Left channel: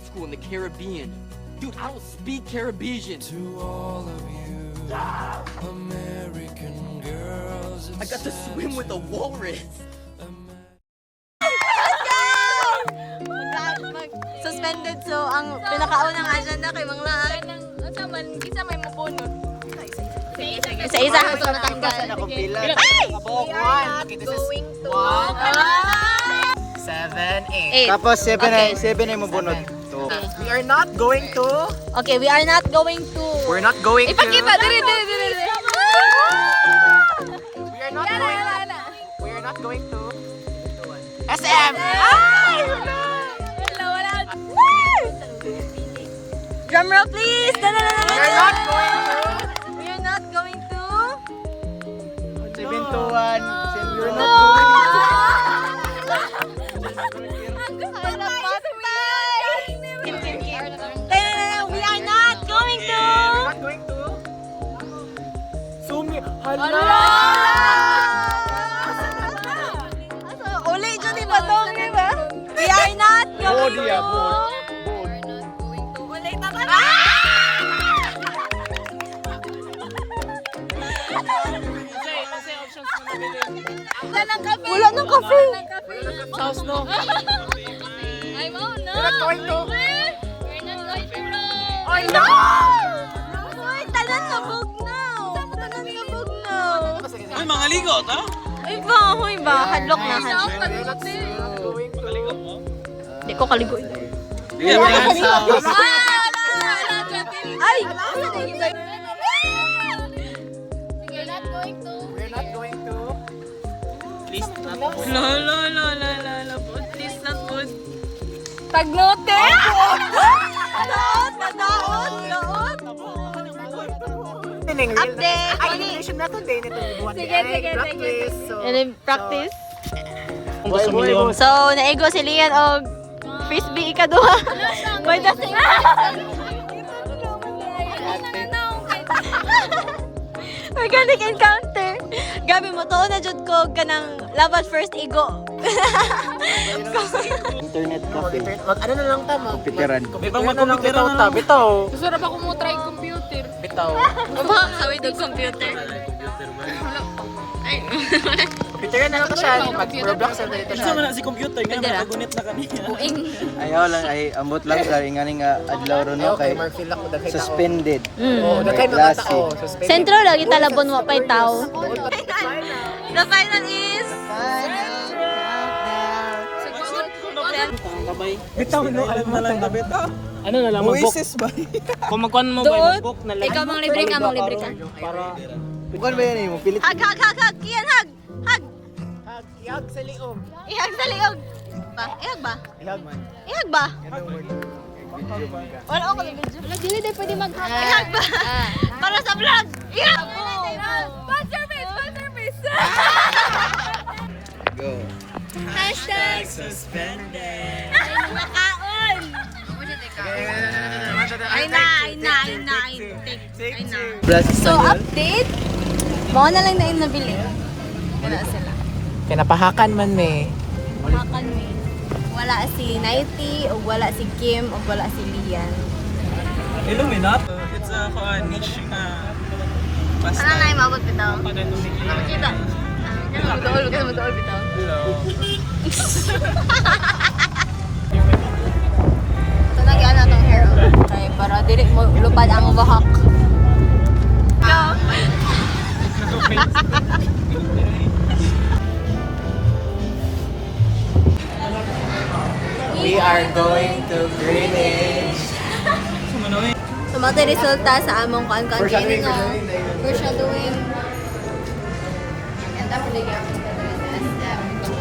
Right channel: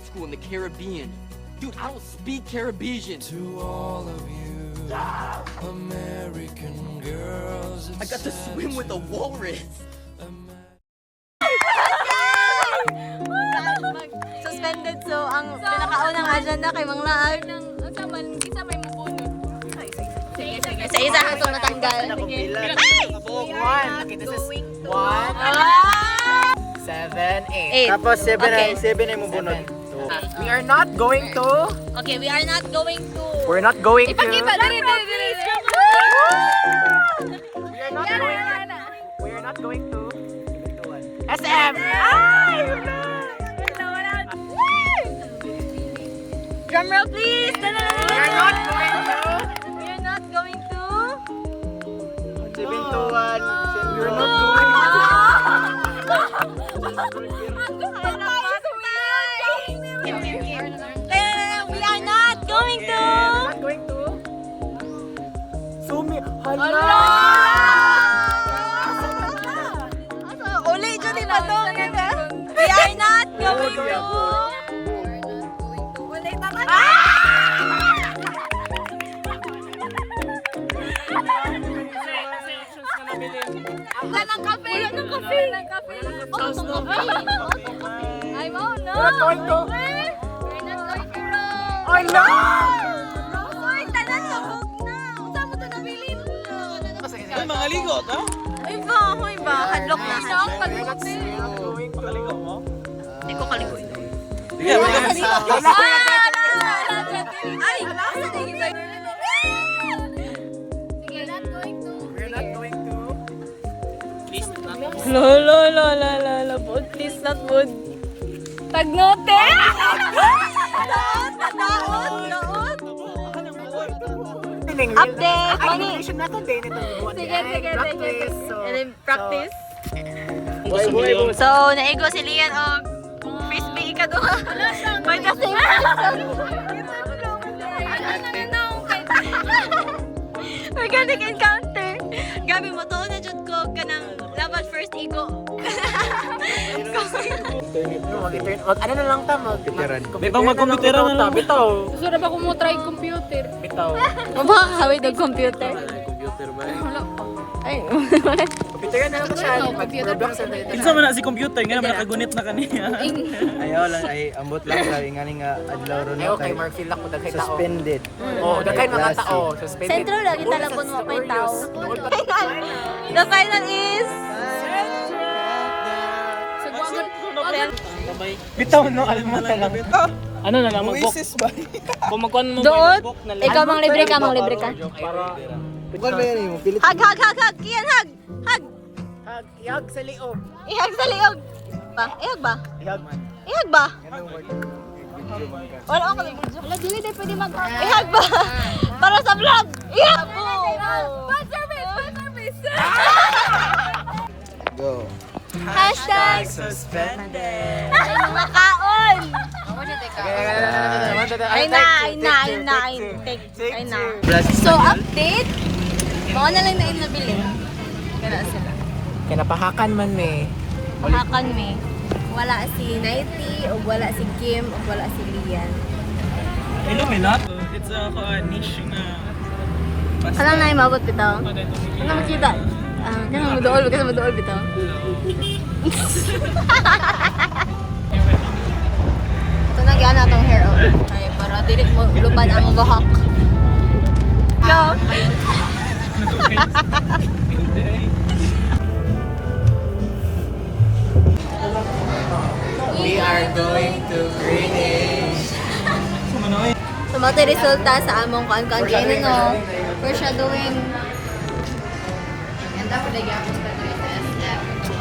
med school in the Caribbean. Dude, I don't speak Caribbean. To all of you American girls, I got to swim with a walrus. Suspended, so ang pinakaunang agenda kay Mang Naay ng man isa may mupunod. Isa-isa ang itong natanggal. Ay! 1. Okay, this is 1, 7, 8. Tapos 7 Okay. 7 ay mabunod. We are not going to. Okay, we are not going to... We're not going to. Ipakita, dili. We are not going to. We are not going to. SM. Ay! Drum roll, please! We are not going to. We are not going to... 7 to 1. We're not going to. We are not going to... We're not going to. Sumi. Hala. Uli dyan iba dong, di ba? We are not going to... Uli naman. Wala ng kape. We're not going to. Ay, no! Uy, tanan sa bugnaw. Tanan sa bugnaw. Ay, mga ligo ka? Ay ba? Hadlock na, hadlock. Pakaligo mo? Hindi ko kaligo. Sige, mga sa... Ay! We're not going to. La, please not good. Tagnote! Tadaon! Update! Animation na to din ito. Sige. So, And then practice. Boy. So, naigo si Lian og frisbee ikaduha. For the same reason. Organic encounter. Gabi mo to na jud ko kanang laban first igo. Internet cafe. ano na lang ta mag Pitiran. Di ba magpapitira na lang? bitaw. Gusto ba kung mo try computer? Bitaw. Amo hawid og computer. Ay. Picture na lang siya. Mag-Roblox sa dito. Isa man na si computer, nga makagunit na kanina. Ayaw lang ay ambot lang sa ingani nga adlaw ron Okay, kay Marfil na ko daghay tao. suspended. Oh, daghay mga Klase. tao. Suspended. Sentro lagi talabon mo pa'y tao. The final is Bitaw no, alam mo lang nabit. Ano na lang, mag-book. ba? Kung magkuhan mo ba, doon. mag-book na lang. Ikaw mang libre ka, mang libre ka. Bukan ba yan mo? Pilit. Hag. Kian hag. Hag. Yag sa liog. Ihag sa liog. Ihag ba? Ihag man. Ihag ba? Ganun word. Video man ka. Wala ako ng video. Wala, dili din pwede mag-hug. Ihag ba? Para sa vlog. Ihag. Go. Hashtag Suspended. ay mga kaon. Ay na. So, update. Baka na lang na yung nabili. Kaya sila. Kinapahakan man eh. Hakan me. Wala si Nighty, o wala si Kim, o wala si Lian. Illuminat. It's a niche na basta. Kalang na yung mabot bitaw. Ano mo kita? Madool bitaw. Ito na gyan natong hair on. Okay, para dili mo lupad ang buhok. Go! We are going to Greenwich. Sumati resulta sa among kan-kan training. We're shadowing.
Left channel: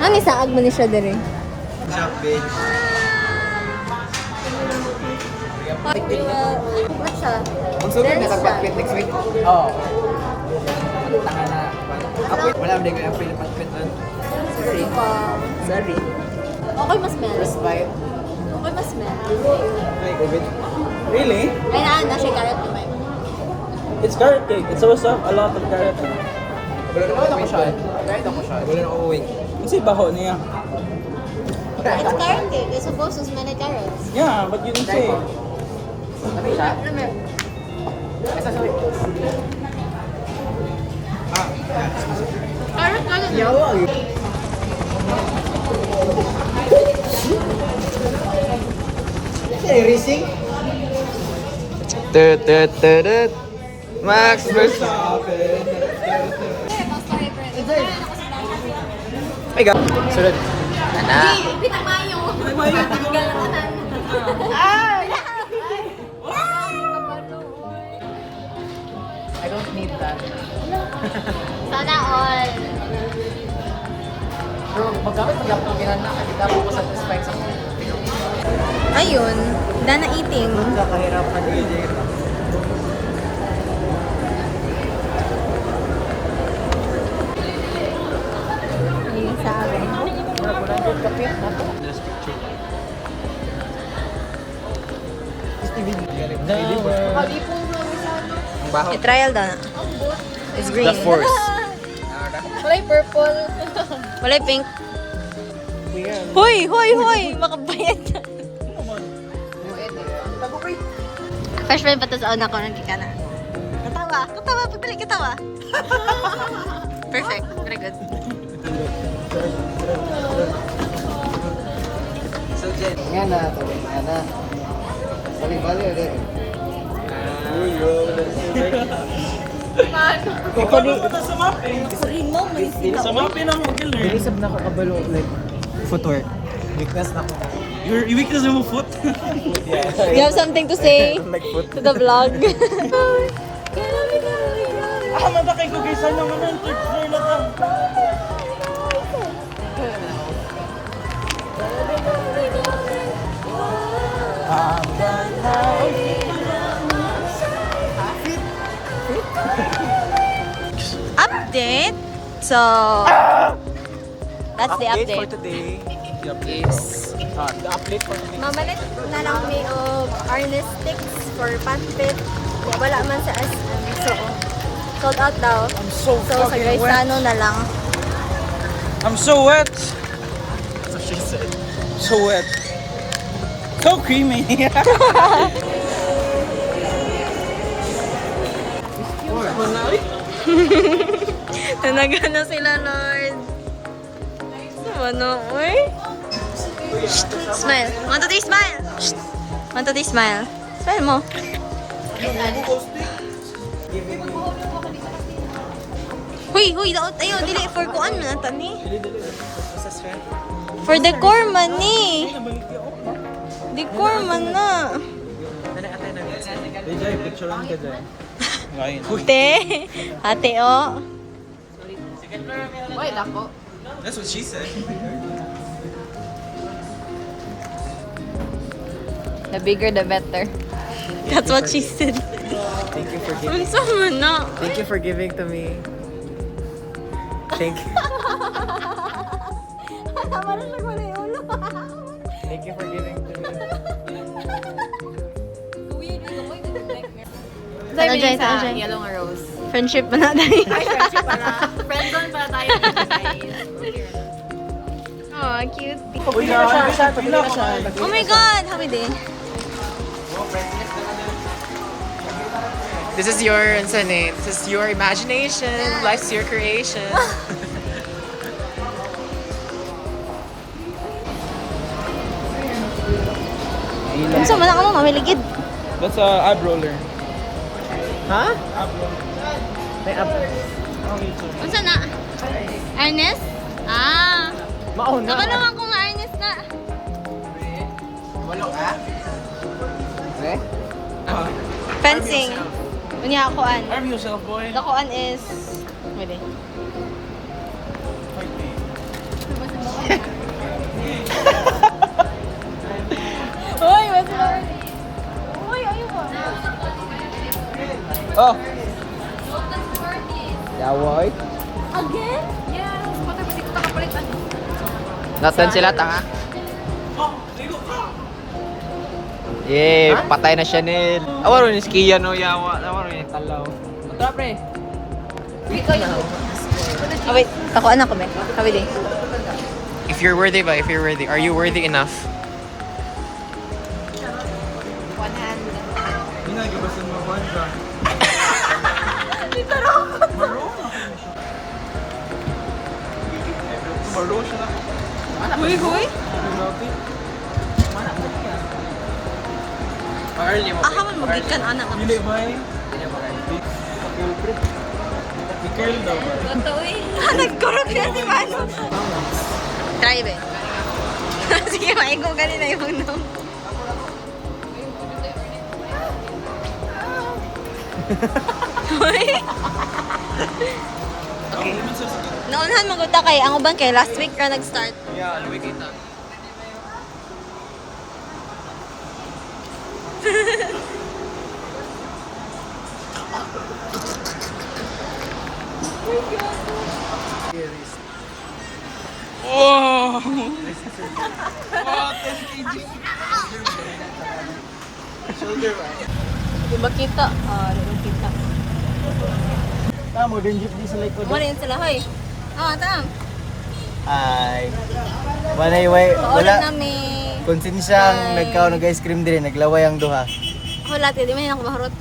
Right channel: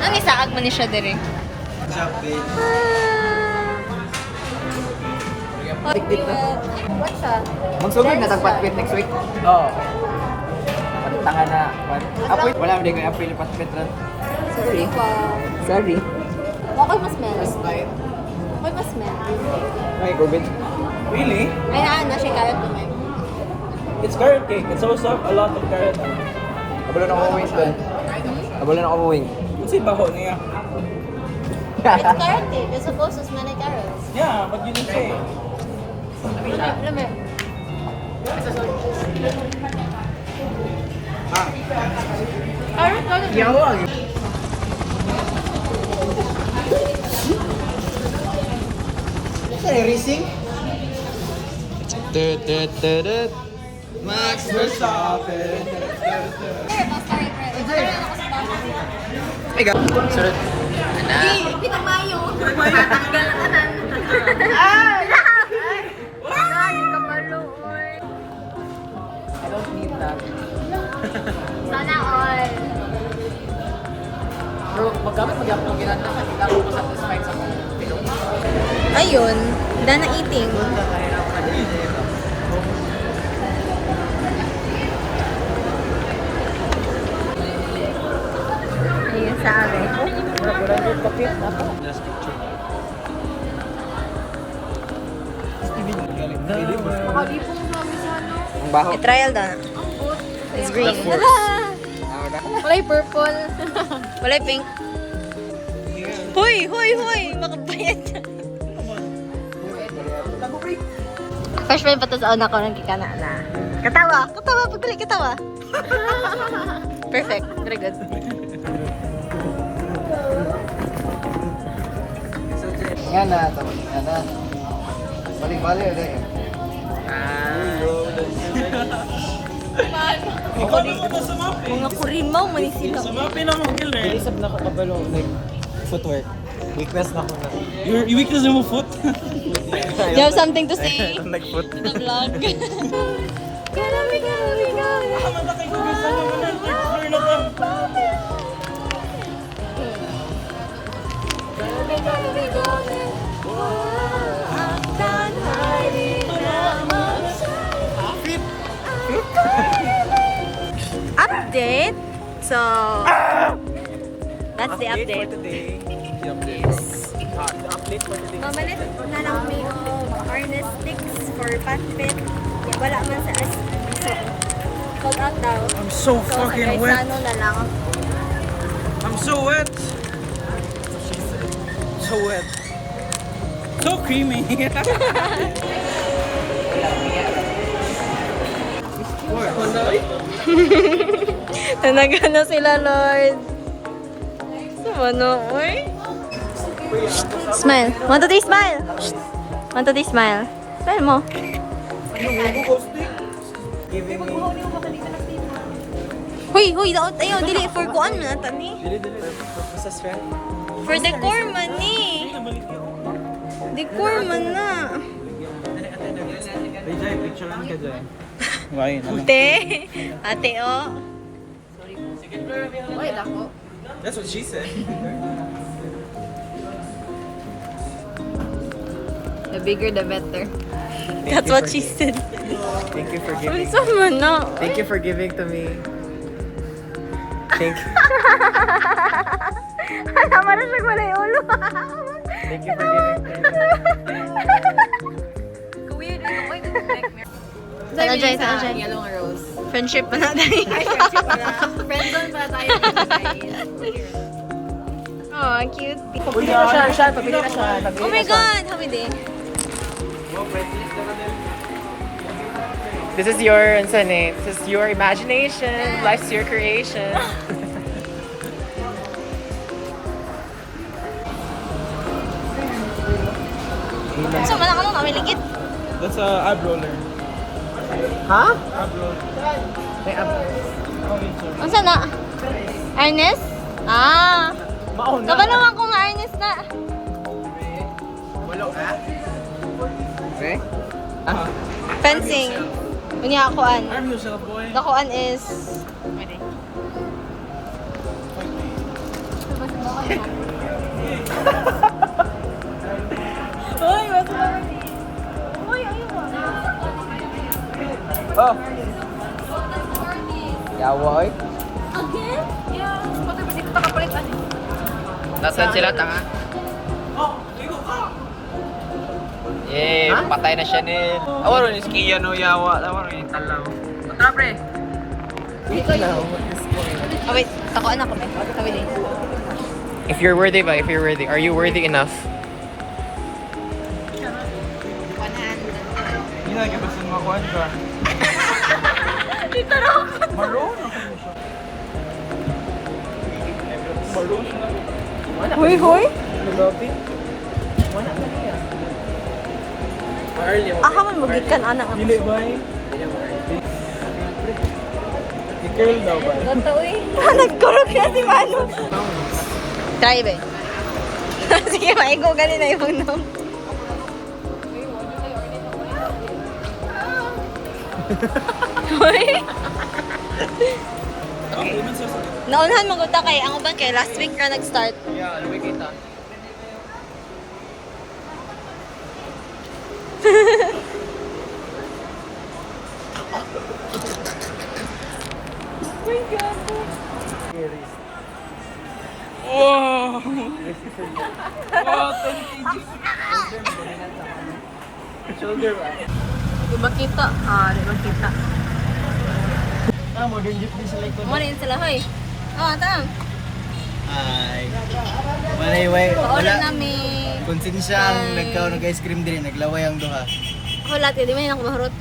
Nani sa agman ni siya dire? Job page. We will... What siya? Dance siya. Next week. Oh. Tanga na. Wala din kay apil patpit doon. Sorry po. Sorry. Okay mas smell. Right. Okay mas smell. Ay, COVID. Really? Ay na siya carrot naman. It's carrot cake. It's also a lot of carrot. Wala na ako wing. Wala na ako wing. Kasi baho ni. It's carrot cake. It's supposed to smell like carrots. Yeah, but you didn't say. Carrot cake. Everything? Max Verstappen. My God. Sunod. Sana all. Ayun, Dana eating. Ayun sa akin. I-trial daw na. It's green. Kulay purple. Walay pink. Hoy! Hoy! Hoy! Makabayad siya. First friend pa to sa una ko ng kikana na. Katawa! Katawa! Pagdali! Katawa! Perfect. Very good. Nga na to. Nga na. Bali-bali. Mga kurin mo, may sinaw. Sa mga pinamugil eh. Isap na kakabalo ulit. Footwork. Weakness na ko na. Your weakness mo foot? You have something to say to the vlog? Matakay ko guys. Ano mo na? Third floor na ka. Update. So that's the update. today. Mamalit na lang may harness sticks for patpit. Kaya wala man sa so sold out daw. I'm so So fucking sa wet. ano na lang. I'm so wet. So wet. So creamy. Nanagana sila, Lord. Ano, oy? Smile. 1, 2, 3, smile. 1, 2, 3, smile. Smile mo. Huy, huy, daot tayo. Dili, for kuan man ata ni. For decor man ni. Decor man na. Jay, picturean ka dyan. Why? Ate. Ate, oh. That's what she said. The bigger the better. That's what she said. Thank you for giving. Unsa man na? Thank you for giving to me. Thank you. Tama na siya wala yung ulo. Thank you for giving to me. Ano dyan, ano dyan? Yellow rose. Friendship pa na tayo. Ay, friendship pala. Friend zone pala tayo dito, guys. Oh, cute. Uy, Oh my God! How we doing? This is your, this is your imagination. Life's your creation. Kasi wala ka nung namiligid. That's a ab roller. Huh? Ab roller. May up. Unsa na? Ernest? Ah! Mauna. Kabalawan ko nga Ernest na. Okay? Fencing. Unya akuan. Arm yourself, boy. Dakuan is... Pwede. Uy, wait lang. Uy, ayun. Oh. Yaward. Again? Yes. Puto ba dito nakapalitan? Nasaan sila, tanga? Oh, there you go. Eh, patay na siya nil. Awan rin skiya no yawa. Awan rin talaw. Tara pre. Oh, wait. Takuan ako, may. Kami din. If If you're worthy ba? If you're worthy. Are you worthy enough? Hindi na, gusto mo kuhan ka. Huy, huy. Aha man magikan ana nga. Dili ba eh? Girl daw ba? Nagkurog na si Mano. Try be. Sige, maigo ganina yung nom. Huy. Naunahan maguta kay ang uban kay last week ka nag-start. Yeah, luwi kita. Di ba kita? Di ba kita? Tama, din jeep di sa likod. Wala yun sila, hoy. Tam. Ay. Walay, Paulit wala. namin. Konsensya ang nagkaw nag-ice cream din, naglaway ang duha. Ako lahat, di man yung mahurot.